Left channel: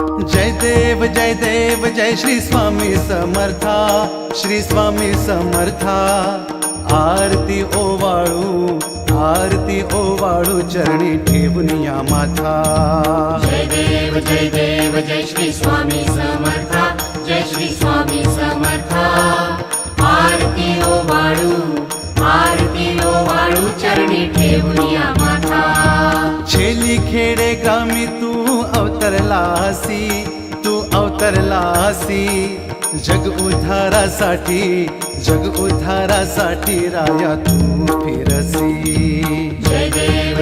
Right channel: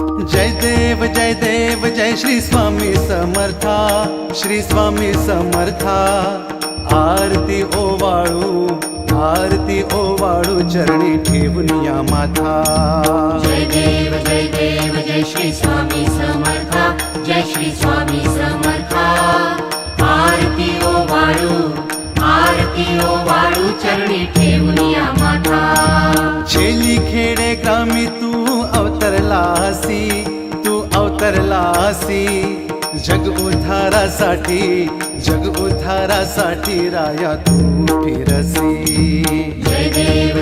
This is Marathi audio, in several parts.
जय देव जय श्री स्वामी समर्था, श्री स्वामी समर्था। आरती ओवाळू चरणी ठेवून या माथा। जय देव जय श्री स्वामी समर्था, जय श्री स्वामी समर्था। आरती ओवाळू चरणी ठेवून या माथा। छेली खेडे ग्रामी तू अवतरलासी, जग उद्धारासाठी राया तू फिरसी। जय देव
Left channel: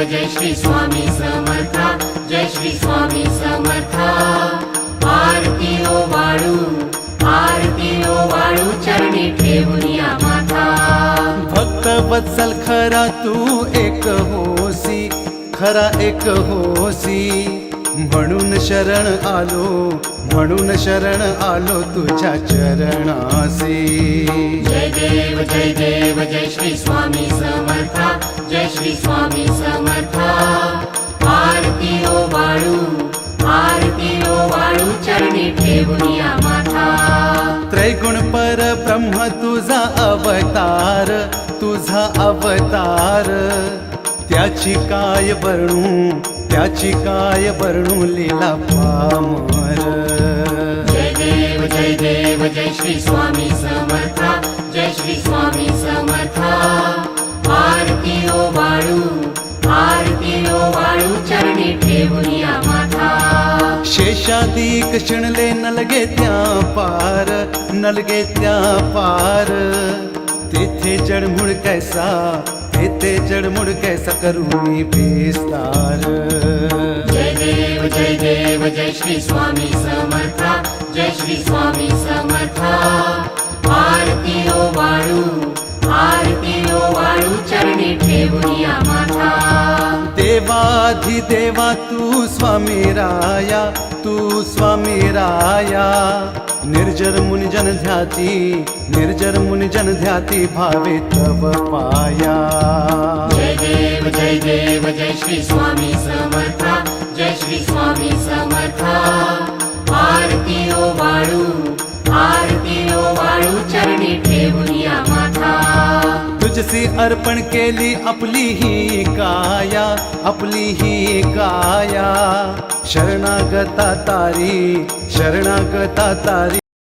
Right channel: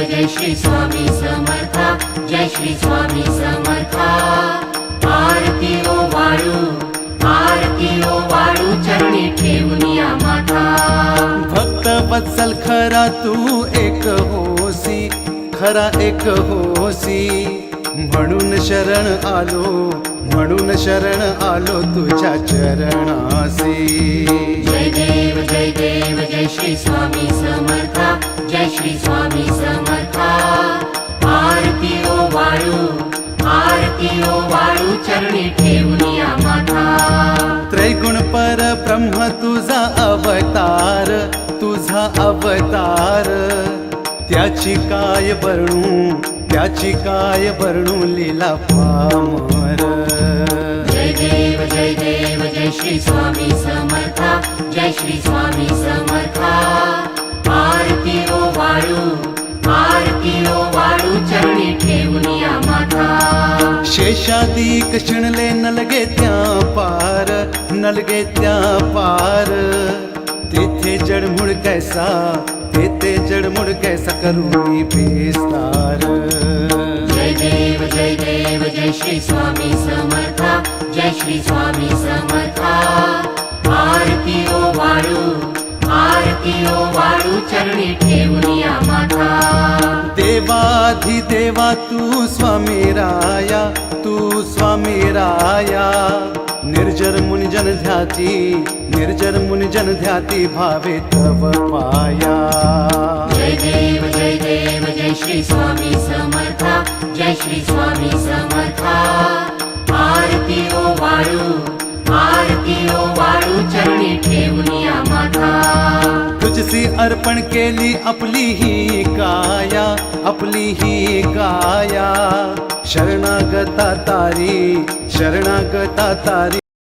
जय श्री स्वामी समर्था, जय श्री स्वामी समर्था। आरती ओवाळू चरणी ठेवून या माथा। भक्त वत्सल खरा तू एक होसी, म्हणून शरण आलो तुझ्या चरणासी। जय देव जय श्री स्वामी समर्था, जय श्री स्वामी समर्था। आरती ओवाळू चरणी ठेवून या माथा। त्रैगुण पर ब्रह्म तुझा अवतार, त्याची काय वर्णू लीला पामर। जय देव जय श्री स्वामी समर्था, जय श्री स्वामी समर्था। आरती ओवाळू चरणी ठेवून या माथा। शेषादिक शिणले नलगे त्या पार, तेथे जडमुड कैसा करू मी विस्तार। जय देव जय श्री स्वामी समर्था, जय श्री स्वामी समर्था। आरती ओवाळू चरणी ठेवून या माथा। देवाधिदेवा तू स्वामी राया, निर्जर मुनिजन ध्याती भावे तव पाया। जय देव जय श्री स्वामी समर्था, जय श्री स्वामी समर्था। आरती ओवाळू चरणी ठेवून या माथा। तुझसी अर्पण केली आपली ही काया, शरणागता तारी